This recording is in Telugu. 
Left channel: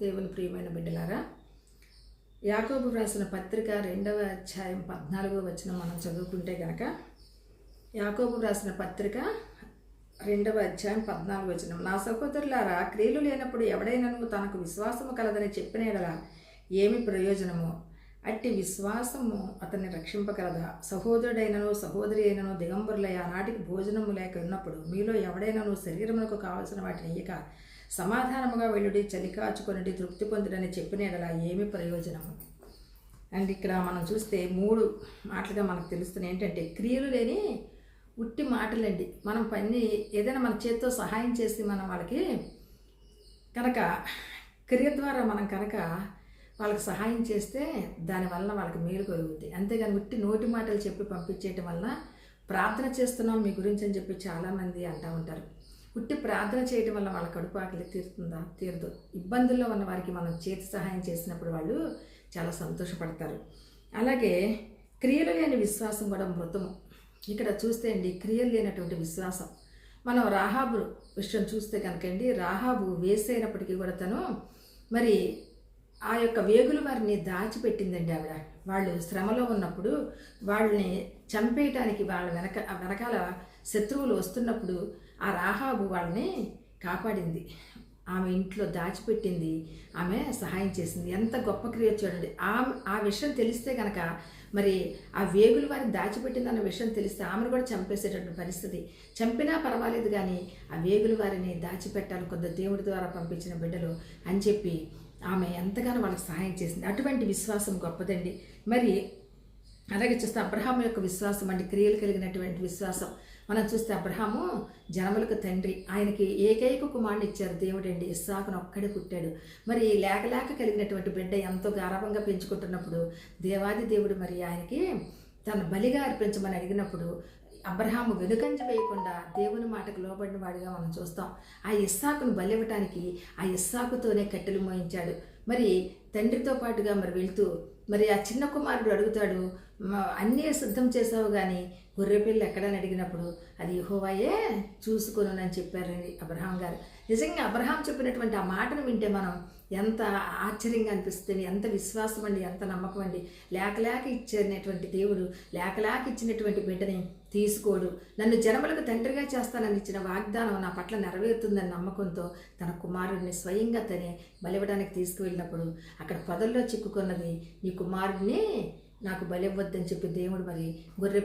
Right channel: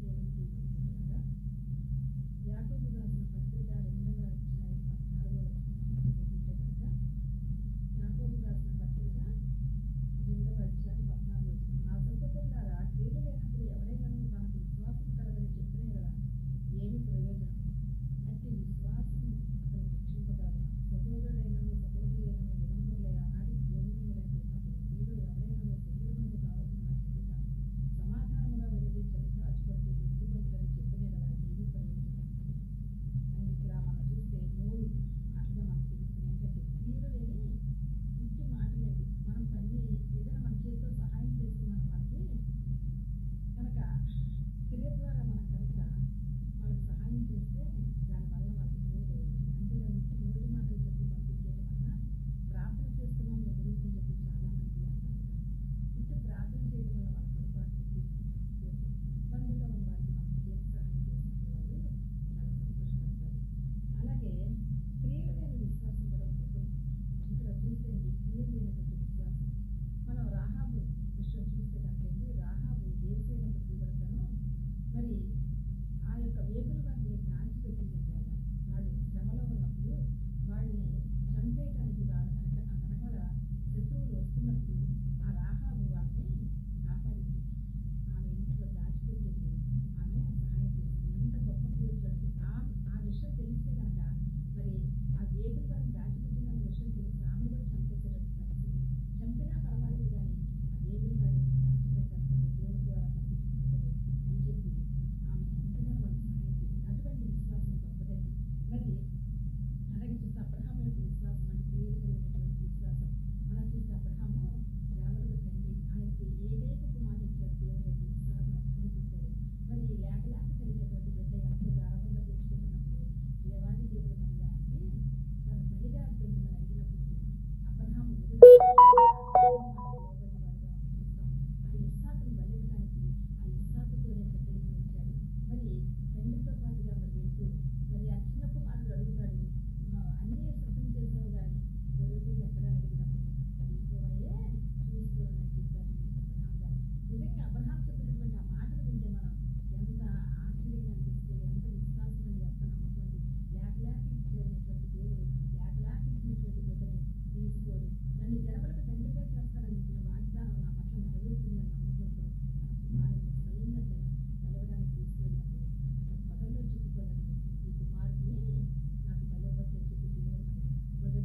దేవుని ప్రియమైన బిడ్డలారా, యాకోబు రాసిన పత్రిక 2వ అధ్యాయం 14వ వచనం మనం చదువుకుంటే గనక, యాకోబు రాసిన పత్రిక 2వ అధ్యాయం 14వ వచనం, నా సహోదరులారా, క్రియలు లేనప్పుడు ఎవడైనను తనకు విశ్వాసము కలదని చెప్పిన యెడల ఏమి ప్రయోజనము? అట్టి విశ్వాసము అతన్ని రక్షింపగలదా? సహోదరుడైనను సహోదరి అయినను దిగంబరులై ఆనాటికి భోజనము లేక ఉన్నప్పుడు మీలో ఎవడైనను శరీరమునకు కావలసిన వాటిని ఇయ్యక సమాధానముగా వెళ్ళుడి, చలి కాచుకొనుడి, తృప్తి పొందుడని చెప్పిన యెడల ఏమి ప్రయోజనము? అండ్ ఇక్కడ మనం చూస్తే 3 మాటలుగా మనకు తెలుస్తున్నాయి. ఏంటంటే, క్రియలు లేని ఉట్టి మాటలండి. మనం పని ఏదైనా మన చేతితో సహాయం చేసి మనం వాళ్ళకి కనుక క్రియ ద్వారా మనం కనుక వాళ్ళకి సహాయం చేస్తే దానివల్ల వాళ్ళకి మేలు కలుగుతుంది. అంతేగాని ఉట్టి నోటి మాటలు చెప్పి పంపించేయటం వల్ల ప్రార్థన చేస్తున్నాం మీ గురించి అని చెప్పి చాలామంది అంటూ ఉంటారు. ఉట్టి ప్రార్థన చేయటం వల్ల వాళ్ళ కడుపు ఆకలి తీరుతుందా? తీరదు. ఇబ్బందుల్లో ఉన్న వారికి మనం చేతి సహాయం చేసినప్పుడు వాళ్ళు చాలా సంతోషపడతారు. అలాగే క్రియలు లేని విశ్వాసం కూడా మృతము. ఇక్కడ చూస్తే అండి, క్రియలు లేనటువంటి విశ్వాసం. మనం రాహాబు విషయం చూస్తే కనుకండి, రాహాబు వేసైనప్పటికీ కూడా తను మరి ఆ యొక్క వేగుల వారిని దాచిపెట్టిందండి ఆవిడ. వాళ్ళు శ్రమలో ఉన్నప్పుడు వాళ్ళని చంపేయటానికి వాళ్ళ వెనకాల శత్రువులు వస్తున్నప్పుడు ఆ రాహాబు వాళ్ళని కాపాడింది. ఆమె ఇంట్లో దాచిపెట్టింది, ఆమె సహాయం చేసింది. ఎంత గొప్ప క్రియ చూడండి. ఆ విషయం తెలిస్తే కనుక, మరి ఆ వేగులు వారిని దాచిపెట్టిందన్న విషయం తెలిస్తే ఆమెను కూడా చంపేసేటటువంటి పరిస్థితి. చంపినా పర్వాలేదు కానీ ఆ వేగులు వారిని దాచిపెట్టాలి కొంత దేవుడి ద్వారా పంపించిన బిడ్డలు అని చెప్పి ఆమె ఎంతగానో వాళ్ళకి సహాయం చేసింది. అటువంటి విశ్వాసం గొప్పదండి. మరి అలాగే చూస్తే అబ్రహాము యొక్క విశ్వాసం అంటే క్రియలు కలిగినటువంటి విశ్వాసం. మనం చూస్తే అబ్రహాము జనములకు తండ్రి, ఆయనకి ఏకైక కుమారుని ఇచ్చారు దేవుడండి. ఇస్సాకును ఒక్కడే పుట్టాడు. మరి లేక కలిగినటువంటి బిడ్డ ఎంతో గారాభంగా పెంచుకుంటున్నప్పుడు దేవాది దేవుడు మరి ఆయనకి తన బలిగా అర్పించమని అడిగినప్పుడు అబ్రహాము వెనుకంజ వేయకుండా దేవుని మాటకు లోబడిన వాడిగా మనం చూస్తాం. ఆ ఇస్సాకును బలివ్వటానికి ఆ ఇస్సాకుతోనే కట్టెలు మోయించాడు. మరి తండ్రితో పాటుగా మరి వెళ్తూ మరి ఆ చిన్న కుమారుడు అడుగుతాడు, అన్నీ సిద్ధం చేసావు కానీ గొర్రెపిల్ల ఎక్కడని అడిగినప్పుడు అది యెహోవాయే చూసుకొనునని చెప్పారండి అబ్రహాం గారు. నిజంగా అబ్రహాం చెప్పినటువంటి ఆ మాటను వింటే మనం ఎంత ఆశ్చర్యంగా అనిపిస్తుంది. ఎంత విశ్వాసం అండి, ఎంత నమ్మకం అండి. లేక ఇచ్చినటువంటి దేవుడు లేక ఇచ్చినటువంటి బిడ్డని తీసుకోడు. నన్ను జనములకు తండ్రిగా చేస్తానని ఇచ్చిన వాగ్దానం నా పట్ల నెరవేరుతుందని నమ్మకంతో తన కుమారుడిని స్వయంగా తనే బలివ్వడానికి తీసుకువెళ్ళినప్పుడు అక్కడ పొదల్లో చిక్కుకున్నది, ఈ కుమారుడిని నాకు బలివ్వద్దని చెప్పి దేవుడు మరి గొర్రె